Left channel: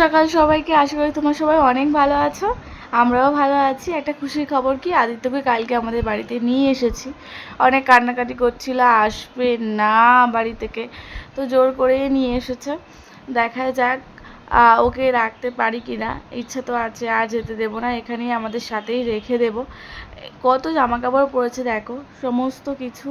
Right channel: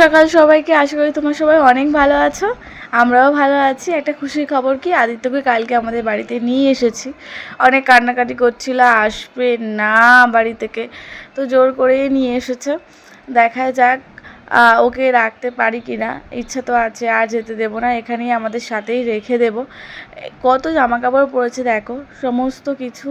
সকাল সবাইকে। আশা করি তোমরা সবাই অনেক ভালো আছো, আমরাও ভালো আছি। একটা খুশির খবর কি, আদিত্যকে কালকে আমাদের বাড়িতে নিয়ে এসেছি। অনেক কান্নাকাটি করছিল, আসবে না বাড়ি থেকে, তো জোর করেই নিয়ে এসেছে। দেখা যাক ওকে রাখতে পারি কি না। ইচ্ছা তো আছে, আর যেতে দেবো না, এখানেই আমাদের সাথেই রেখে দেব। কত জামা কাপড় পরেছে দেখো, সমস্ত কিছু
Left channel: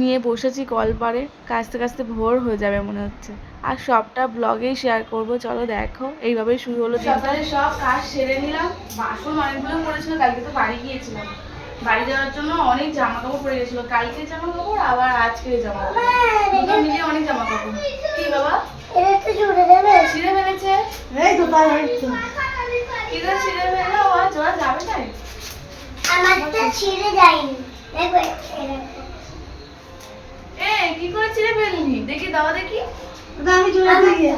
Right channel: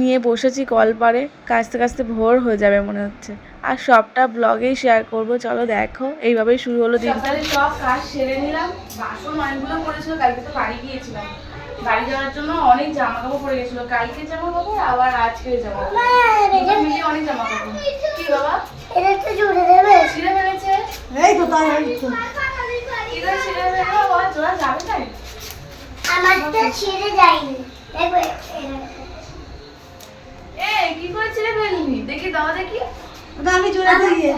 নিয়ে বসেছি কলপারে, কাচতে কাচতে ভোর হয়ে যাবে মনে হচ্ছে। আর সবটা ব্লগেই শেয়ার করব, চলো দেখো। এইভাবেই শুরু হলো দিনটা। সব কাজ সেরে নিলাম, বাসন অনেকগুলো পড়েছিল, কালকে তো বাড়ি গিয়েছিলাম। বাড়ি যাওয়ার জন্য অনেক জামা কাপড় পড়ে গেছিলো, কালকে জামা কাপড় আবার আজকে জামা কাপড়, দুটো মিলিয়ে অনেক জামা কাপড়। কি বাবা ছিঁড়ে ফেলেছে? এই তো তাই কিরে ছিঁড়ে ফেললো, জোড়া যাবে তাই? আমারটা ছিঁড়ে যায়নি, দেখো এই কি করে ছিঁড়ে ফেললি, দেখি দাও দেখি। এটা আমি জোড়া দিয়ে,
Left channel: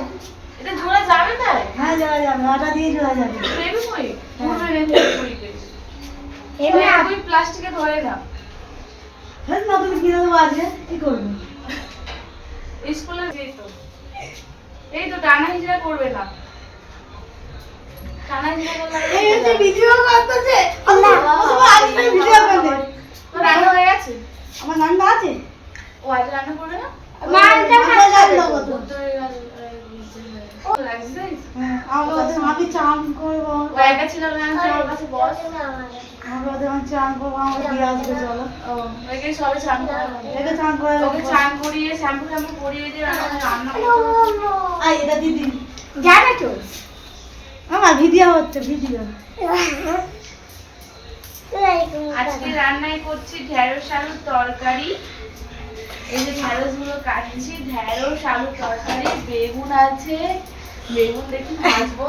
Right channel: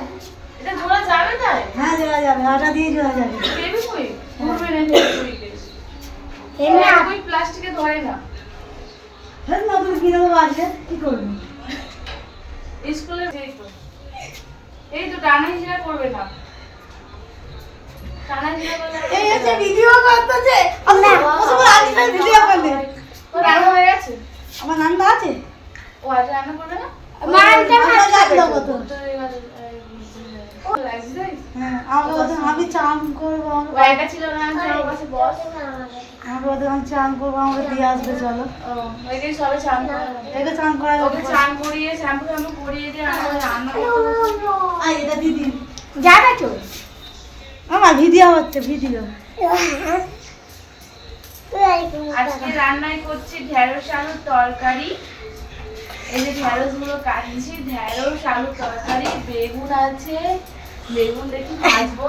এটা জোড়া যাবে তাই? হ্যাঁ জোড়া যাবে, ওটা দিয়ে জোড়া যাবে। বেবি কই ধরবে না, বেবি কইকে এমনি আপনি প্লাস্টিকে ধরে না। হ্যাঁ না, তুমি কিনে দেবো আজকে, কি করবে স্কুলে? এই তো টানা হিজড়া করবে না, টানা হিজড়া করলে এই হচ্ছে ভিডিও করতেছে। আল্লাহ আজকে ভিডিও করবে। তো রান্না হয়ে গেছে? আমার রান্না আছে। ও আজ রান্না করবে না, নানটা খাবে তো তো আমি চান করব। ও একা ছিল না, আমার কাছে বস, আমি ওদের চান করব, আমাকে দিয়ে আসবে চলো। ও ওকে সবে চান করা, একে চান করা, ওকে চান করিয়ে শ্যাম্পু শ্যাম্পু করিয়ে দিয়ে রান্না করতে। আই এটা দিদি জানা তো আমার ভিডিও হচ্ছে, ভিডিও। আজকে রান্নায় করছি ঢেঁড়স আলুর তরকারি। এই যে ঢেঁড়স গুলো কাটছি, ঢেঁড়স আলুর তরকারি, বেগুন আছে, বেগুন দেখি ভাজবো।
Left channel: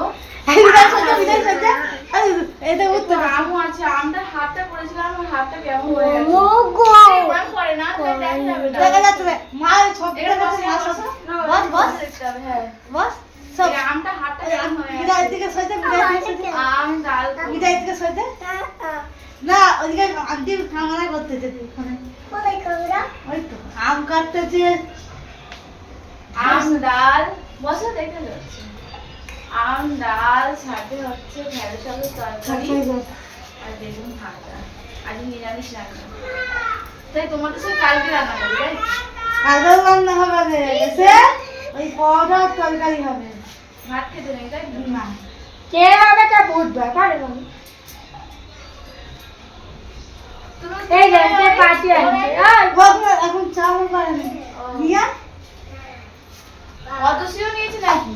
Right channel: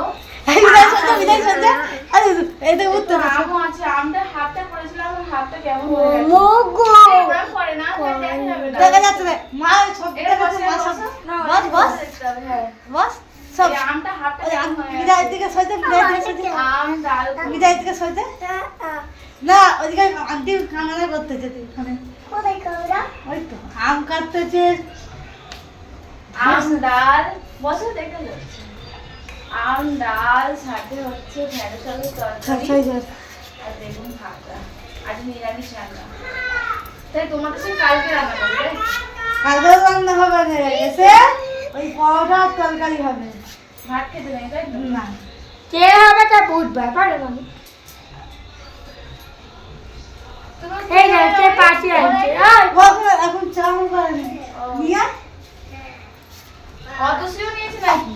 আমও আছে, আমটা হাতটা করেছিলাম, আমার হাতটা কেমন হয়ে গেছে পরে না দেখা যাচ্ছে। মা সব বস বস হ্যাঁ বস সব আমটা হাতটা কেমন হয়ে গেছে। বিদায় দিকে সইতে, আম ডাল বিদায় দিকে সইতে না, ওইদিকে আন্টি খানা করতেছে, ওখানে কোথায় কামরা, ওই তো আম কাটতেছে। আম ডাল বসে দেখে যাচ্ছে, আম ডাল সাথে হচ্ছে ঢেঁড়স আলুর তরকারি আর বেগুন ভাজা। আজ নিরামিষ রান্না, তাই তোমাদের সে কালকে রান্না করবে? কালকে রান্না হবে এসে ওই পরোটা তরকারি হবে, ভাত খেতে নেই তাই না? কে হবে তা বুঝবে পারে না। এই যে পাশে আছে এখন চাউল করে নিয়া কত সিও নিয়েছে নাকি?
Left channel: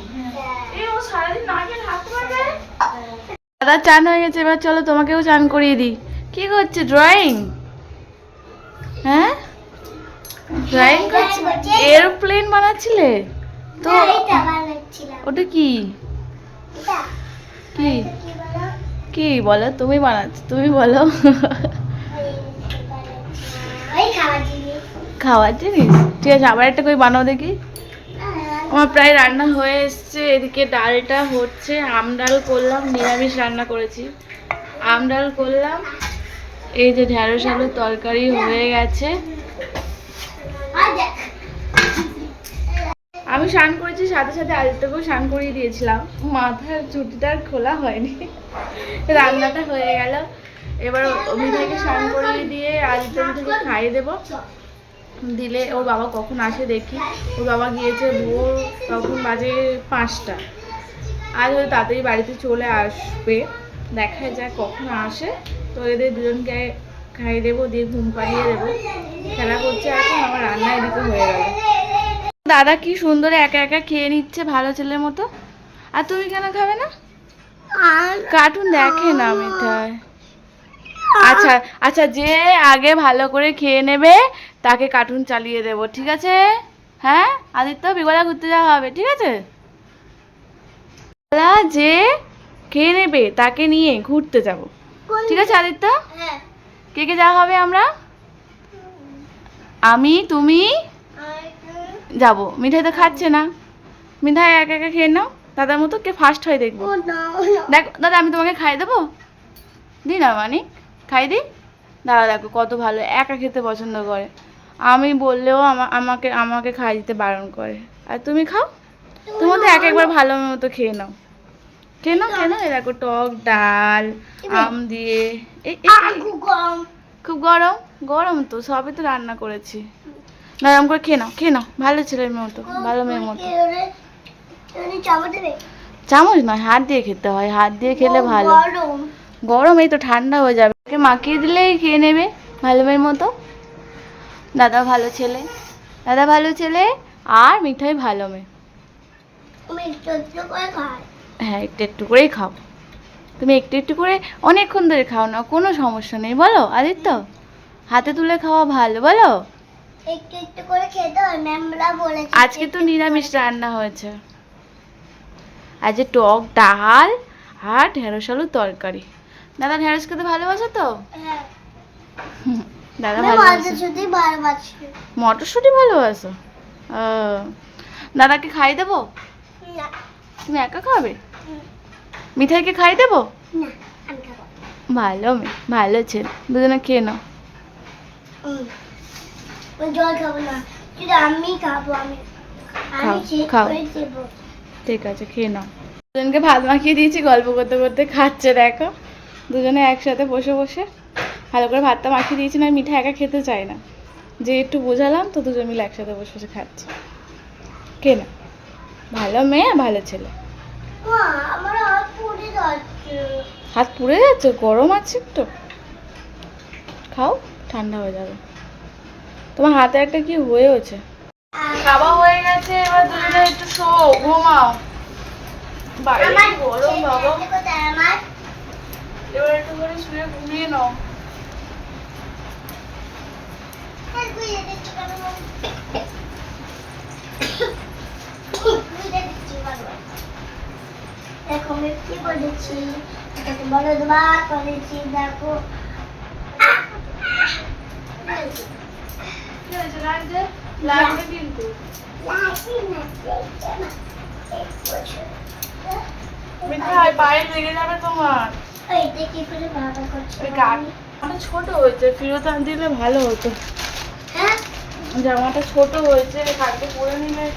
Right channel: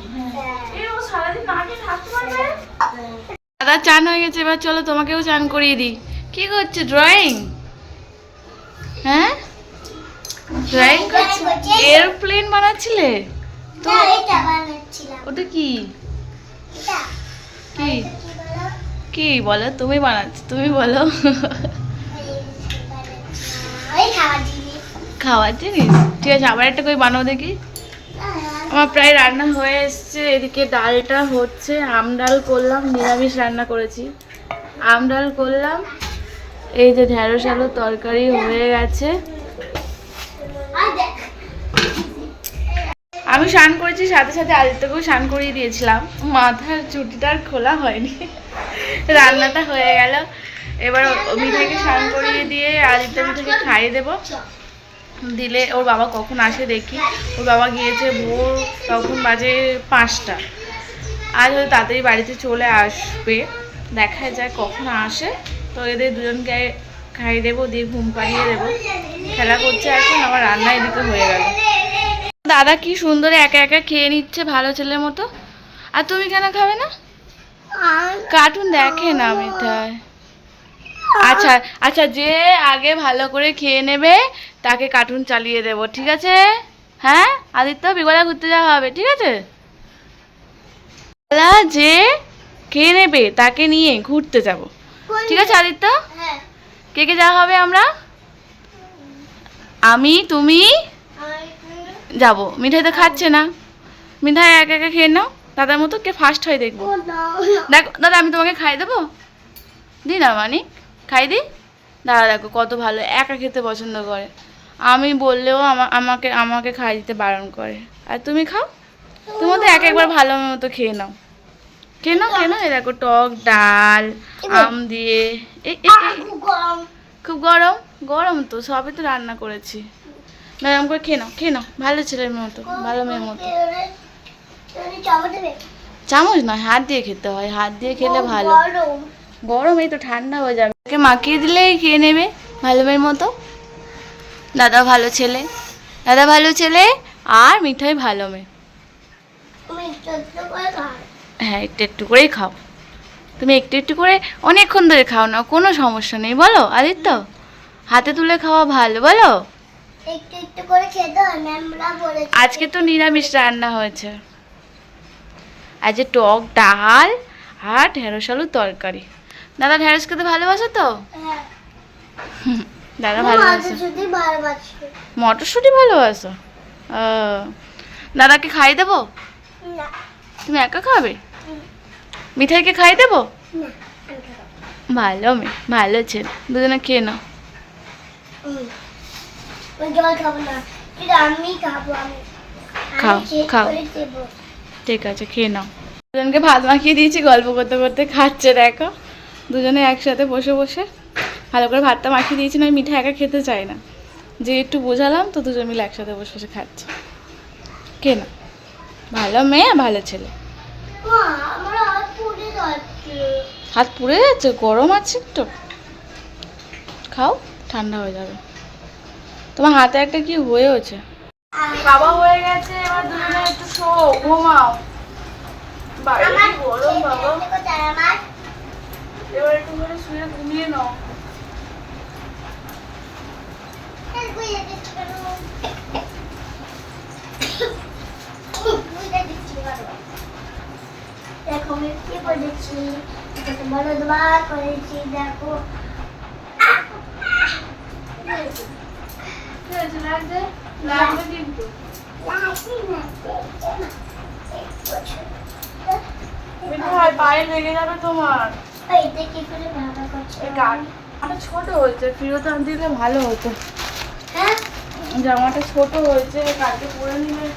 এই ও সারাদিন না খেয়ে থাকতে পারবে। দাদা চান হয়ে গেছে, এবার চলো তোমাকেও চান করিয়ে দিই। কি করছে, ড্রয়িং? হ্যাঁ ড্রয়িং করছে, এরোপ্লেন বানাচ্ছিলে তো? ওটা কি কি কি বলো, তুমি বানাচ্ছ, তুমি বলো। খাওয়ার জিনিস, ঠিক আছে আবার একটা করে বানাও দেখি। আমার প্রায় রান্না হয়ে এসছে, এদিকে ডালটা হচ্ছে, আম ডাল করলাম, নিরামিষ রান্না করেছি, আম ডাল করলাম। এই যে ঢেঁড়স আলুর তরকারি হয়ে গেছে। আমি স্নান করেছি, সাথে সাথে আদিত্যকেও স্নান করিয়ে দিয়েছিলাম, মাথার চুটিটা আর খোলা হয়নি। রান্নাটা হয়ে গেল, এবার মিঠাইকে স্নান করিয়ে দিয়ে আদিত্য মিঠাইকে খাইয়ে দেবো, দিলে ওর বাবা কখন আসে দেখি। ওর বাবা গিয়েছে ভোর, তখন বাজে 5টা, আজ হয়তো তাড়াতাড়ি বাড়িতে চলে আসবে, দেখা যায় কখন আসে। তো এদের দুজনকে খাইয়ে দেবো, দিয়ে ঘুম পাড়িয়ে দেবো। খেলা করছে এখন, আমার রান্না এদিকে হয়ে গেল। দাদা কি সুন্দর একা একা খেয়ে নিচ্ছে ভালো ছেলের মতো। আর তুমি কেন খাবে না? কার্টুন দেখে না মিঠাই। আচ্ছা আচ্ছা, যে আগে ভালো করে খেয়ে নেবে তাকে কার্টুন চালিয়ে দেবো, ঠিক আছে? হ্যাঁ আদিত্য, বিগলা ঘুরতে যাওয়া হবে, ঠিক আছে? যে খেয়ে নেবে তাকে নিয়ে ঘুরতে যাব, ঠিক আছে আদিত্য? কে কে যাওয়া হবে? আমরা, আমি, তুমি যাব। মিঠাই তো খাচ্ছে না, মিঠাই একা একা খেয়ে নাও দাদার মতো, কে ফার্স্ট হয় দেখবো। দেখো দাদা, আমি তোমাকে খাই দেবো, দি না মানিক, খাই দি। দাদা দেখো কত ভালো, একা খেতে পছন্দ করে, আমি বললেও আমাকে আমাকে খাই দিতে বারণ করে। আর তুমি খাও, তোমার তো এক একবার ভালো মতো খেয়ে নাও। কেন কেন এ দেখো টক ডাল আম দিয়ে খুব গরম গরম তো সবই তো রান্না করেছি নরম করে খেয়ে নাও ভালো ছেলের মতো ভালো মেয়ের মতো চামচ নয় হাত দিয়ে খেতে হয় হাত দিয়ে খেলে ভালো গরম এই তো ঠান্ডা হয়ে যাবে ওকে মাখিয়ে দিলেই খেয়ে নেবে ভালো মেয়ের মতো দাদা ভালো ছেলে আর মিঠাই ভালো মেয়ে হ্যাঁ একটু করেই খাও তুমি একটু করে অনেকক্ষণ ধরে খাও না কোনো সমস্যা নেই বলো আদিত্য হাতে তুলে খাওয়া ভালো বলো একটু করে খেতে হয় ম্যামরা বলেছে আজকে তো নিরামিষ রান্না হয়েছে আজ টক ডাল আর ঢেঁড়স আলুর তরকারি দাদা ঢেঁড়স খেতে ভালোবাসো তো হ্যাঁ দাদা ভালোবাসে মটরশুঁটি ভালোবাসো দাদাকে খাইয়ে দেবো না তুমি একা খাবে মিঠাইকে খাইয়ে দেবো না আমি খাবো ভালো মেয়ে ভালো ছেলে দুজনে খেয়ে নাও ওই জল খাবো না কিন্তু আমি খাবো খাও ঠিক আছে খেয়ে নাও দুজনকে ভাত মাখিয়ে দিয়েছি গল্প করতে করতে খাচ্ছে দেখো দুজনে একসাথে বসে বসে ভালো করে ভাতটা মাখিয়ে দিয়েছি না মিঠা একা খেতে চায় না যে একটু বোঝালাম তো দুজন মিলে একসাথে বসে বসে খাচ্ছে কে না ভালো মেয়ে ভালো ছেলে আমার হাত পুড়ে যাচ্ছে গরম আছে একটু খাও ঠান্ডা হয়ে যাবে তোমার হাতে একটা কি হয়েছে খাওয়া হয়ে গেছে এবার দুজনে একটু শো ঘুমাও বাইরে গরম বাবা এবার একটু করে শুয়ে ঘুমিয়ে নাও দেখো আমি কি বলেছি বলো দুবার করেছি দেখো কি হয়েছে লাগবে কিন্তু মিঠাই পায়ে লেগে যাবে তোমার এইটা কি করে ভালো করছো জামাটা ছোট হয়েছে ফেরত আনতে দিলে ভালো হতো হ্যাঁ জামাটা ছোট হয়েছে কালকে পরে নিলে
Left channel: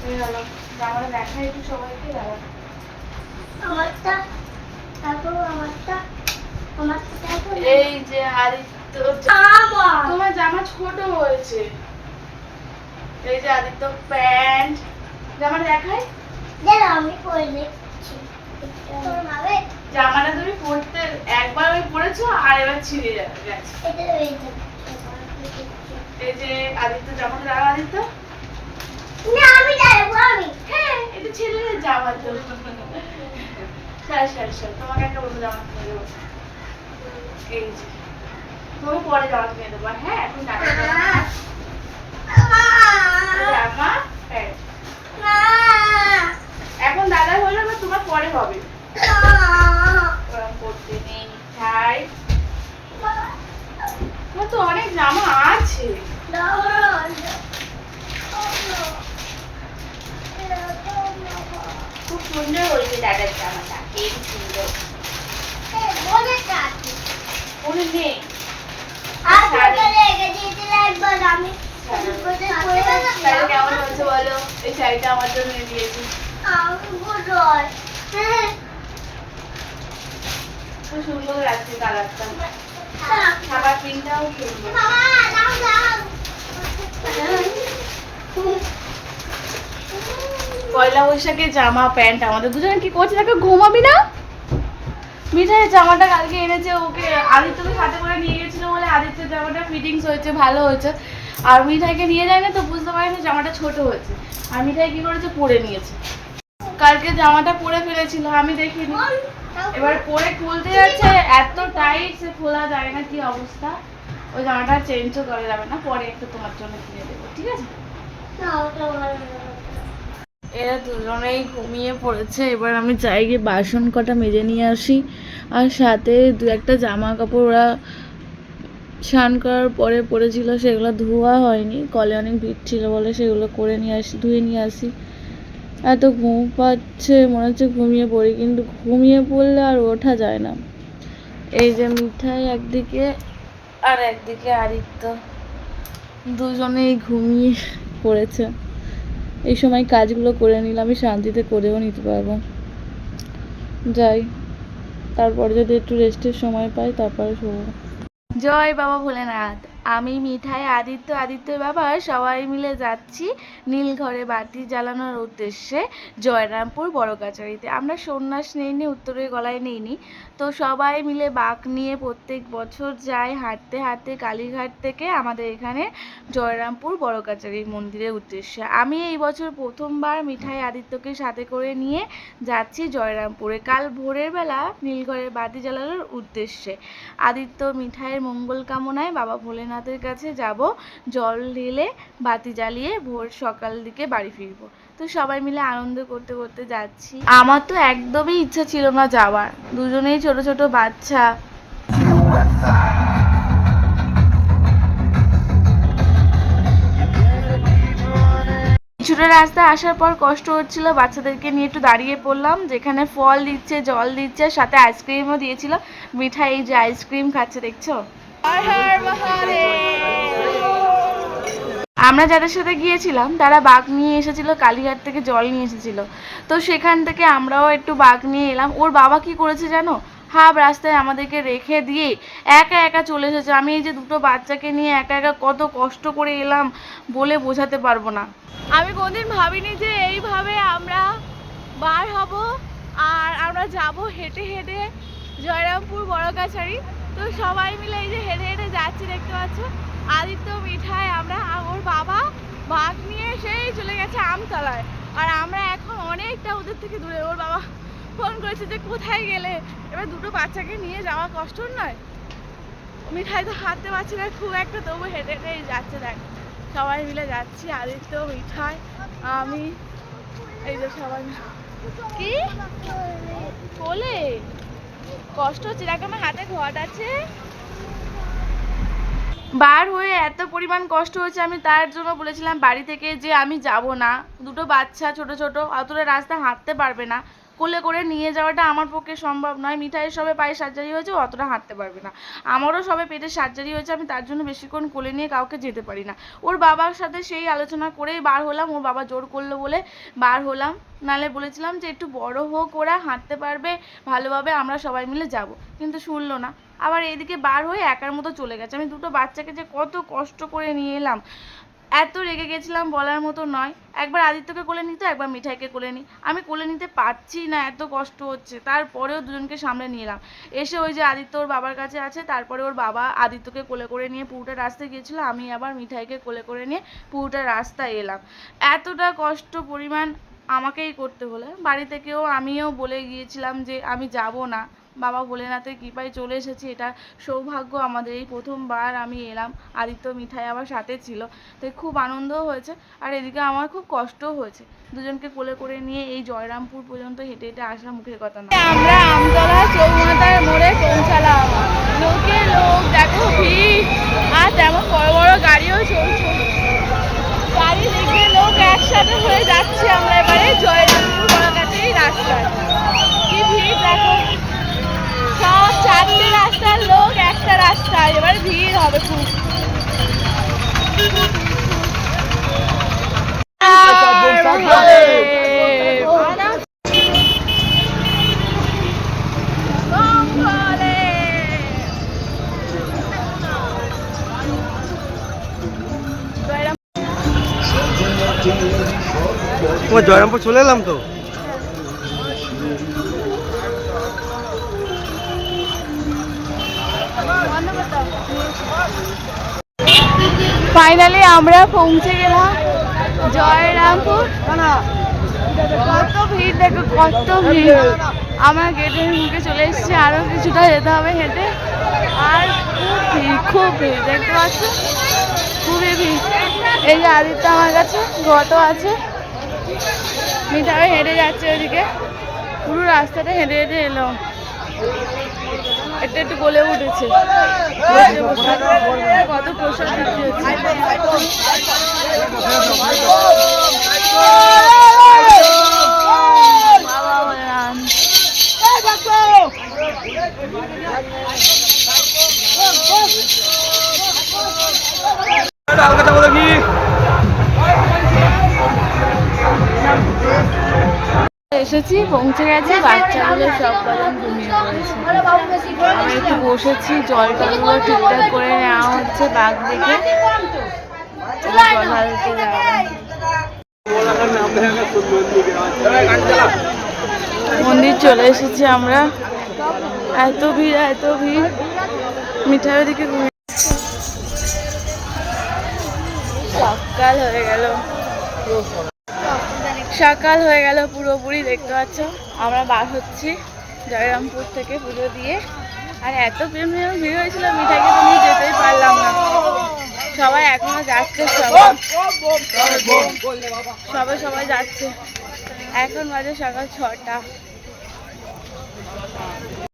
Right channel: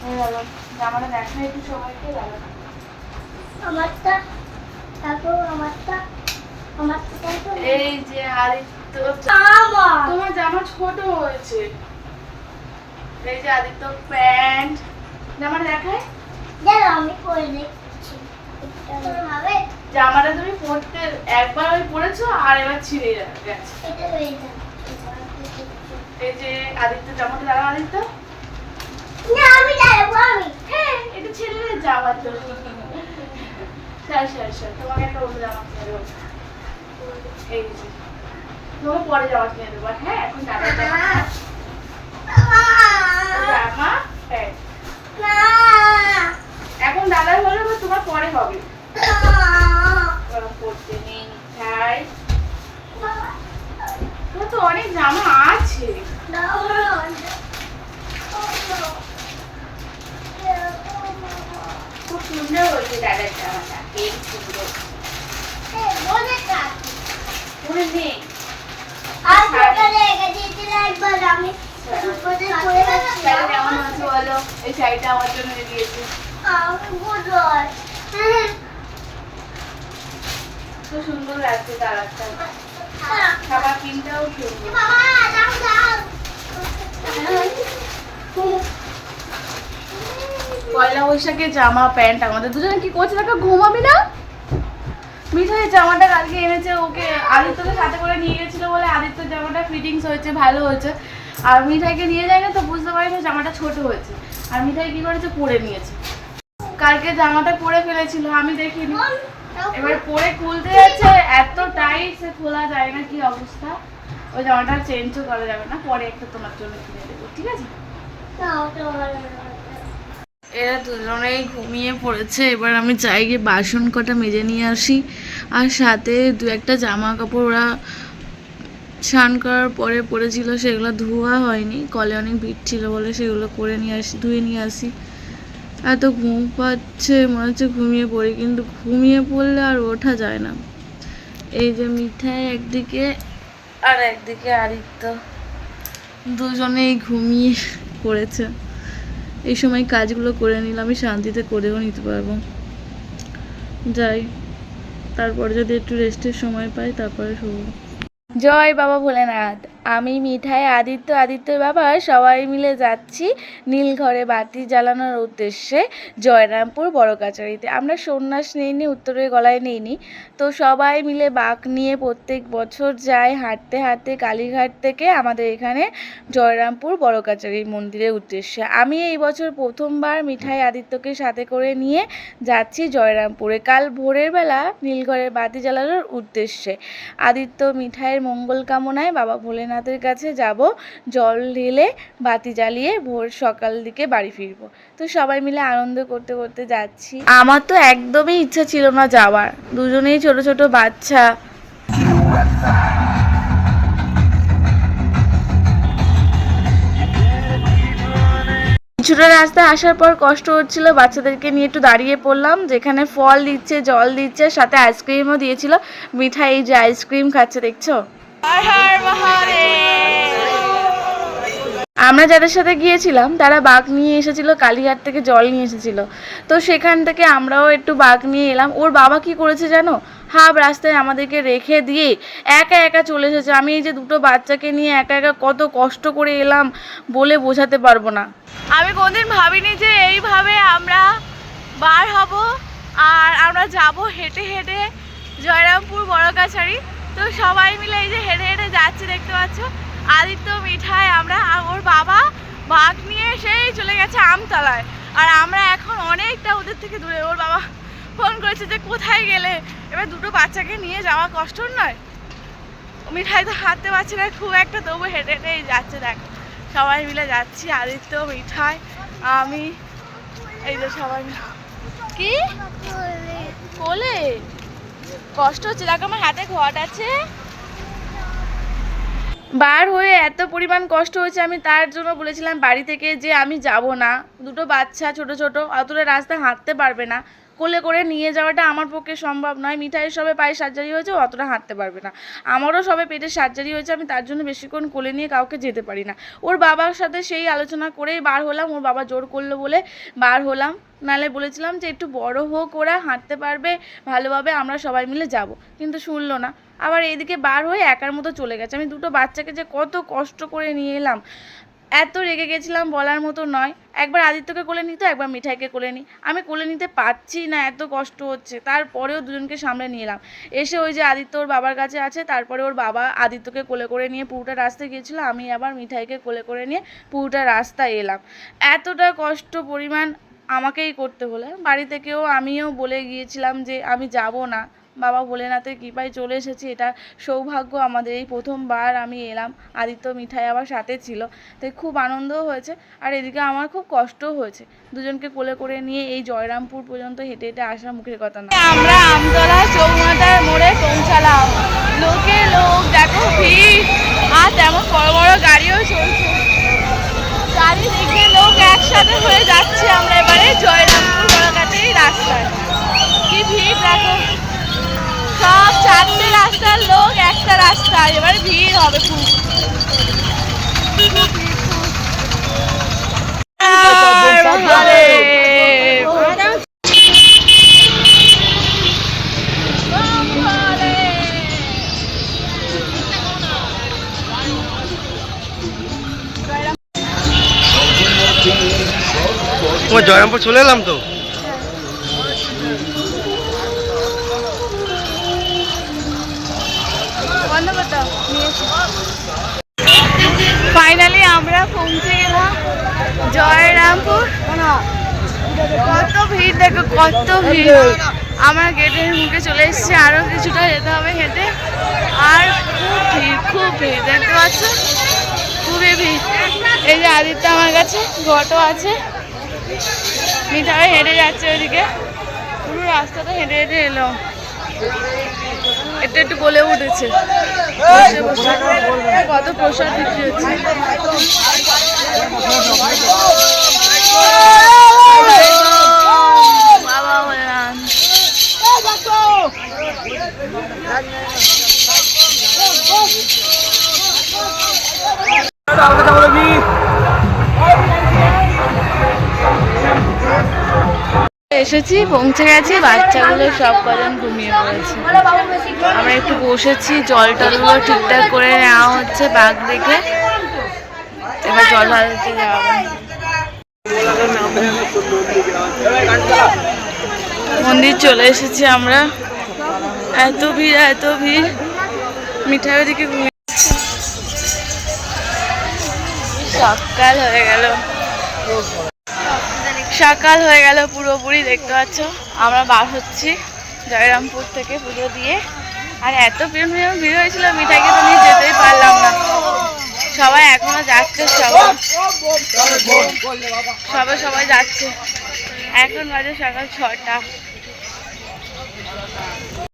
হয়ে গেল জামাটা দেখা একটু সবাইকে দাঁড়া আমারটা তারপর আমারটা এই যে আদিত্য তোমার জামা ছোট হয়েছে এই যে আদিত্য প্যান্ট জামাটা দেখাই দেখো আমি পরে দেখছি জামাটা তুমি পরতে একবার ওই পরেছো আর এবার ছিঁড়ে গেছে এটা এই যে আদিত্য জামাটা দেখা আদিত্য না আমি দাঁড়াবো আমি এটা ছেলের জামা তো স্যার তোমাকে একটা অন্য জামা কিনে দেবো এই যে তোমাকে পরে জামা কিনে দেবো হ্যাঁ এখন দাদা জামা এখন দাদা হলে তোমার পরে হবে পড়তে নেই মিঠাই তোমার তো অনেক জামা আছে খুব সুন্দর হয়েছে দাদার জামাটা খুব সুন্দর মনে নেই কেমন হচ্ছে বলো এই শাড়িটা আমার জন্য দিয়েছে খুব সুন্দর লাগছে কালারটা খাবার পিনটাও সুন্দর পয়লা বৈশাখে জামা প্যান্ট আমাদের দুজনে কি করছে দেখো ঘুমাবি না মিঠাই জামাটা কালকে এনেছে ওকে আদিত্যকে সাথে করে নিয়ে গেছিল বলে আদিত্যের জামাটা ফিটিংস হয়েছে ভালো হয়েছে আর মিঠাইকে নিয়ে যায় না তো বুঝতে পারে না জামাটা ছোট হয়েছে আর মিঠাই কি করেছে পরে নিয়েছে কালকে জামাটা পরে ফেলেছিল আমি দেখিনি এবার পরে খুলতে যাচ্ছে এত টাইট সে খোলা যায় না কি অবস্থা ওই জামাটা চেঞ্জও করা যাবে না পরে একটা তোমার জন্য কিনে দেবো ঠিক আছে এরা দুজনেই ঘুমিয়ে পড়েছে এবার আমি চাই গিয়ে বাসন কটা মেজে নিয়ে আসি আর সাথে দু একটা জামা কাপড় ওরা স্নান করার পরে পড়েছিল সেগুলো ধোয়া হয়নি কলে অনেক ভিড় ছিল বলে সেগুলো করে নিয়ে আসি ধুয়ে নিয়ে আসি এত ঘুম পাচ্ছে মনে হচ্ছে ঘুমিয়ে পড়ি কিন্তু ঘুমিয়ে পড়লে আর ওঠা যায় না এই যে মিঠাই একদিকে আর একদিকে আদিত্য দুজনেই ঘুমিয়ে পড়েছে এই সময় কাজগুলো করে নিলে আমি শান্তিতে করেও নিতে পারবো যাই, তারপরে যদি একটু রেস্টের সময় পাই তারপরে শোবো। জয় বাবা ভোলেনাথ। আমি মিঠাই, আদিত্যর বাবা সবাই মিলে যাচ্ছি নীলঘরে বাতি জ্বালানোর উদ্দেশ্যে জয়রামপুর বড় কাছারিতে। আমরা সন্ন্যাস নিইনি, উত্তরের গলায় নিইনি, তো সবাই মিলে বাঁক নিয়ে প্রত্যেক বছর যাই হাঁটতে হাঁটতে কালীঘাট থেকে আমাদের এখানে জয়রামপুর বড় কাছারি মন্দিরের উদ্দেশ্যে। আমি এই বছর প্রথমবার মিঠাই আদিত্যকে সাথে করে নিয়ে যাচ্ছি জয়রামপুরে কাল ভোরের বেলা নীলঘরে বাতি জ্বালানোর উদ্দেশ্যে। আদিত্য মিঠাইয়ের মঙ্গল কামনায় বাবা ভোলেনাথের কাছে যাব, জল ঢেলে বাতি জ্বালিয়ে ভোর সকাল দিকে বাড়ি ফিরবো। তো সবাই মিলে আনন্দ করতে করতে যাচ্ছি। আমার তো একদমই ইচ্ছা ছিল না যাওয়ার, দুজনেই ছোট ছোট বাচ্চা। কিছুটা রাস্তা আসার পর কষ্ট হচ্ছিল, বাচ্চাদেরকে নিয়ে একটু দাঁড়িয়ে পড়লাম, যেখানে ফল দিচ্ছে, জল দিচ্ছে, সাথে আইসক্রিমও দিয়েছিল। মিঠাই এই যে আইসক্রিম খাচ্ছে, দেখছো। আমরা যাদের সাথে গিয়েছিলাম তারা বাঘ নিয়ে এসেছিল, কালীঘাট থেকে জল নিয়ে এসেছিল, তো সেখান থেকে আমরাও একটু বাঘ নিয়ে এলাম। ওর বাবা কি করেছে জানো, হাফ রাস্তায় আমাদেরকে রেখে দিয়ে একা একা চলে এসেছে। আমি এই যে দুটো বাচ্চাকে নিয়ে একা একা কত কষ্ট করে এলাম বলে বোঝাতে পারবো না। আমি কোনদিন ভাবিনি যে এইভাবে আমরা বার হব আর আমরা যাব হেঁটে হেঁটে জয়রামপুর বড় কাছারি। তো সবাই মিলে এই যে হেঁটে হেঁটে যাচ্ছি, দেখতে পাচ্ছ। আদিত্য, মিঠাই, আমরা আর ওর বাবা বাঘ নিয়ে সেই চলে গেছে আমতলায়, আর আমরা এখন অনেকটা ওদের থেকে দূরে। ওর বাবা ফোন করেছে যে কোথায় গেলে, এবার দুটো বাচ্চাকে নিয়ে যাওয়া কষ্ট নয়। মিঠাই তো হাঁটতে পারছে না খুব একটা, তবু হেঁটে হেঁটেই যাচ্ছে। দেখ সবাই মিলে যাচ্ছি, আদিত্য, মিঠাই, আমি, এই যে সবাই কি কোলে। কষ্ট হচ্ছে, দেখো আমার হাতে ঘট আছে। বার হয়ে এত পরিমাণ কষ্ট হয়েছে, আমি তার জন্য বলেছিলাম বাড়ি থেকে যে আমি যাব না, দুটো বাচ্চা ছোট ছোট, অতটা রাস্তা হাঁটতে পারবে না, কোলে করে নিয়ে যাওয়াটা আমার পক্ষে সম্ভব নয়। মিঠাইয়ের সবে পায়ে সার্জারি হয়েছে, অতটা হাঁটতে পারবে না, আমারও সবে পেটের সার্জারি হয়েছে, আমি তার জন্য বেশিক্ষণ কোলে নিয়ে কাউকে যেতে পারি না। ওর বাবার সাথে সেই আলোচনা করেই বার হলাম, ওর বাবা জোর করলো বলে বার হলাম, নালে বলেছিলাম যে একটু বড় হোক, ওরা হাঁটতে পারবে ভালোভাবে, আমরা সবাই মিলে যাব, কিন্তু শুনলো না। আবার এদিকে বার হয়ে একার মতো চলে গেছে। আমি দুটো বাচ্চাকে যে কত কষ্ট করে নিয়ে এলাম, এত রেগে গেছিলাম বলার মতো নয়। একবার আদিত্যকে কোলে নিতে, একবার মিঠাইকে কোলে নিই, আমি কোলে নিতে পারছি না, এত কষ্ট হচ্ছে, তারপরেও দুজনকে সামলে নিয়ে এলাম। এসে ওই যে আদিত্য ওর বাবার কাছে আছে, তারপরে ওর বাবা আদিত্যকে কোলে করে নিয়ে পুরোটা রাস্তায় গিয়েছিলো, আমি আবার মিঠাইকে কোলে করে নিয়ে পুরোটা রাস্তায় এলাম। এতটা কষ্ট পরিমাণ আমাকেই করতে হলো। বাড়ি থেকেও আমিও বলে গিয়েছিলাম যে আমি যাব না, বাবা ভোলেনাথের কৃপায় চলে এসেছি, এটা সৌভাগ্য আমাদের। এই প্রথমবার আমি এলাম, আদিত্য, মিঠাই আমার সাথে ছিল, তাই খুব আনন্দও হয়েছে, আর এদিকে আমার খুব কষ্টও হয়েছে। দুজনকে কোলে করে নিয়ে এই জয়রামপুর পর্যন্ত হেঁটে হেঁটে আসা মুখের কথা না। আমরা আমতলা চৌমাথার মোড়ে পৌঁছালাম, লোকে লোক দেখো, ভিড়, আর তেমন বড় বড় গাড়িও চলছে, চারিদিকে লোক একসাথে হয়ে যাচ্ছে। আমরা এবারে জয়রামপুর বড় কাছারি রাস্তায়, কি ভিড় দেখো, সব চারটে রাস্তার লোক একটা রাস্তায়, এবারে ভিড় হবে খুব। জয়রামপুর চলে এলাম তো। ফাইনালি আমরা পৌঁছে গেলাম জয়রামপুর। কত ভিড় দেখো, কত ভিড়। আমার গেটের মুখে চলে এসেছে, আরও কিছুটা যেতে হবে হেঁটে, আর খুব ভিড়, খুব ভিড়, দেখতে পাচ্ছ, খুবই ভিড়। এই যে আদিত্য আমার কাছে, ঘটও আছে, মিঠাই হেঁটে যাচ্ছে ওইদিকে, পুরো রাস্তাটা হেঁটে হেঁটে এলো। এটা একটু গলে উঠেছে, বসে বসে কত প্রসাদ বিক্রি হচ্ছে। বাবা বললাম এসেছি, পৌঁছে গেছি। বাচ্চাগুলো সব কজন ঘুমিয়ে পড়েছে। আমরা একটু বসেছি, জল টলগুলো ঠিকঠাক করে নেওয়া হচ্ছে বাঘ দেখে। এবার জল ঢালতে যাবো। মন্দির চলে এসেছি আমরা। এত ভিড়, এত ভিড়। মিঠাই দিকে ঘুমিয়ে সকাল হয়ে গেল, সকাল হয়ে গেল পুরোপুরি। দেখতে পাচ্ছ আমরা বার হচ্ছি জয়রামপুর থেকে পুজো দিয়ে। আর এত ভিড় হয়েছিল, মিঠাইকে তো নিয়ে যেতেই পারলাম না। সবাই এখনো যাচ্ছে, সবাই যাচ্ছে। এখন বাজে সকাল 6টা।